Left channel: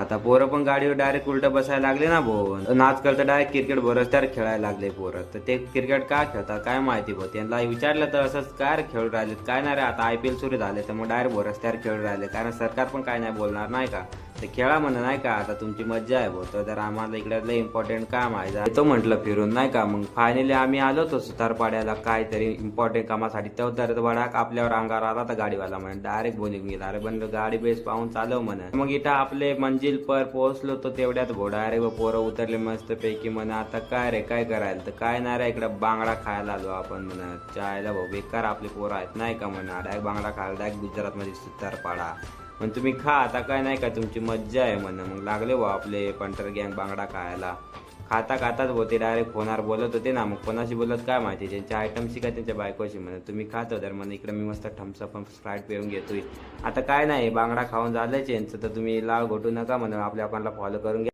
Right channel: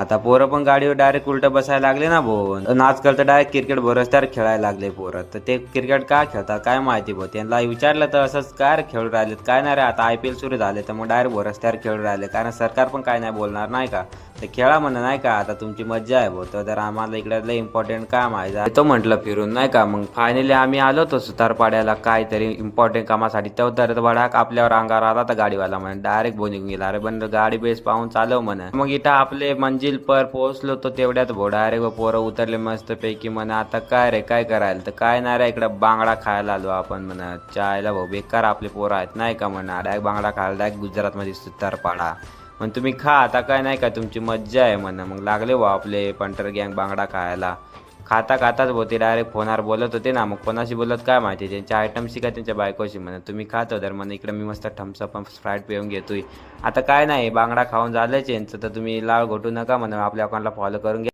आता पोरं पण गाडीवर डायरेक्ट उलटं बसायला लागले ना भाऊ. आजकाल तर डायरेक्ट क्रिकेट रस्त्यावर खेळायला लागले पोरं. तर ते क्रिकेट का खेळतात काय माहिती भाऊ. त्यांना विचारलं तर असंच काय रे खेळून राहिलेत काय नाही रे. आता IPL सुरू झाले तर मग डायरेक्ट रस्त्यावर खेळून राहिले, कारण सरकार पण काय नाही बोलणार नाही का. तर खेळा म्हणा नाही का, आता तुमची मज्जा आहे भाऊ. तर आम्हाला इकडे इम्पॉर्टंट काम आहे तो म्हटलं फिरून नाही का. मग फायनली आम्ही आलो होतो सुतारपाड्याला काहीतरी इम्पॉर्टंट कामासाठी. तर भडाक आपल्यावर अंगावर आला तर गाडीवाला म्हणे डायरेक्ट बोलून गेला, अरे बंद गाडी बेस पाहून चालव म्हणे. मग इथं आपले मंजिल पर पोहोचलो तो तेवढ्यात भाऊ डायरेक्ट पोरं उतरले मस्त पैकी म्हणे आता काय रे काय करायला. तर काय नाही रे इकडं बांगडा खायला आलो आपण म्हणे. चायला भाऊ बेकार आपले पोरं आहेत नाही का म्हणा. डायरेक्ट बांगडा खायला डायरेक्ट गुजरातमध्ये सुतारपाडा. मग तुम्ही खा आता काय नाही का तुमची मज्जा आहे म्हणा. मग लागले भाऊ आपले पंटर गँग बांगडा खायला. खाता खाताच होते डायरेक्ट फोनवर बोलत होते ना. मग कोणाशी बोलत काय माहिती, त्यांच्या आयटमशी का त्यांच्या बायकोशी म्हणा. तुम्ही खात तर म्हणा इकडे मी मस्त थम्सअप स्प्राईट पिऊन घेतोय. आता काय नाही बांगडा खाऊन झालंच यांचं. तर तुम्ही लाव घोटू नका म्हणा, आपल्या अकाउंटला फॉलो करून घ्या.